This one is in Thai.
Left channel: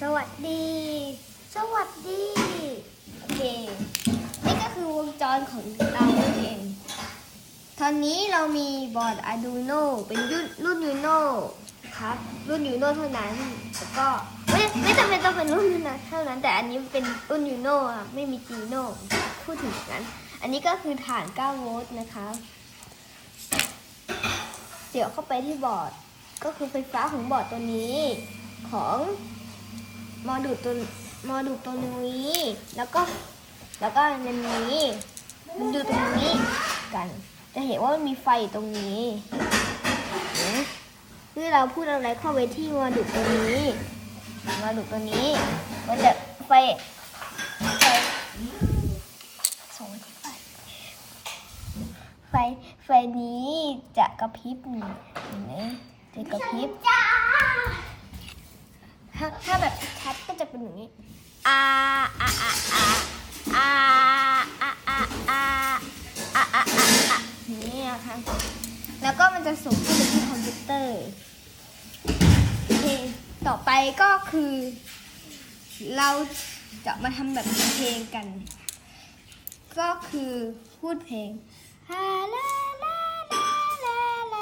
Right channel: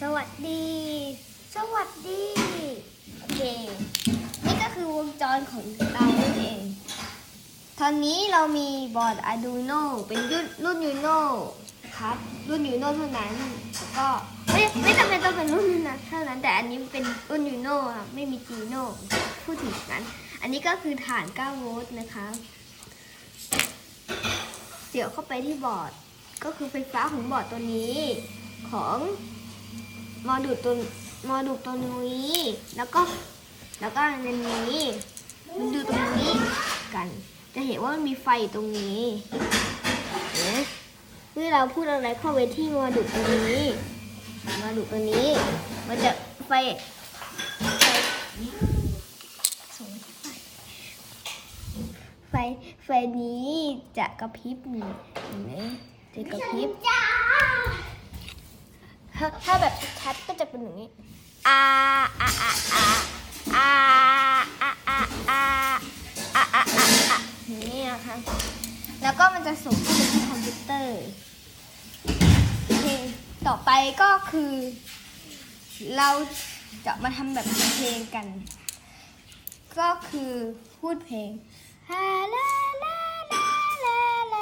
สวัสดี สวัสดี โอเค นี่ก็คือวงจรของเรานั่นเอง ตอนนี้เรามีบอร์ด Arduino เป็นรุ่นรุ่น Uno นะครับ รุ่น Uno เท่านั้นแล้วก็ไม่ไม่จำเป็นต้องเป็นรุ่นนะเท่านั้นแต่อันนี้เป็นรุ่น Uno ครับไม่มี Gino พูดถึงนั้น อันนี้ก็คือฐาน 9 โวลต์นะคะเสียบเข้าไปที่บอร์ดก็คือไฟฟ้าของบอร์ดตัวนี้ ตัวโมดูลตัวนี้ แล้วก็แล้วก็อันนี้มันดูตรงนี้กัน จะเห็นว่ามันมีไฟอยู่ตรงนี้เห็นที่เราพูดอะไรเข้าไปที่โมดูลตัวนี้โมดูลตัวนี้ มันจะไฟไฟส่งไฟไฟไฟนี้จะกระพริบนี่เห็นไหมจะกระพริบถ้าถ้าแบบชัดก็จะ เป็นอย่างนี้อาอาอาอาอาอาอาอาอาอาอาอย่างนี้นะคะแล้วก็มันจะส่งเข้าไปที่คอมพิวเตอร์โอเคต่อไปก็คือ เราจะมาทำแบบเพลงกัน ก็คือพูดเพลง Hello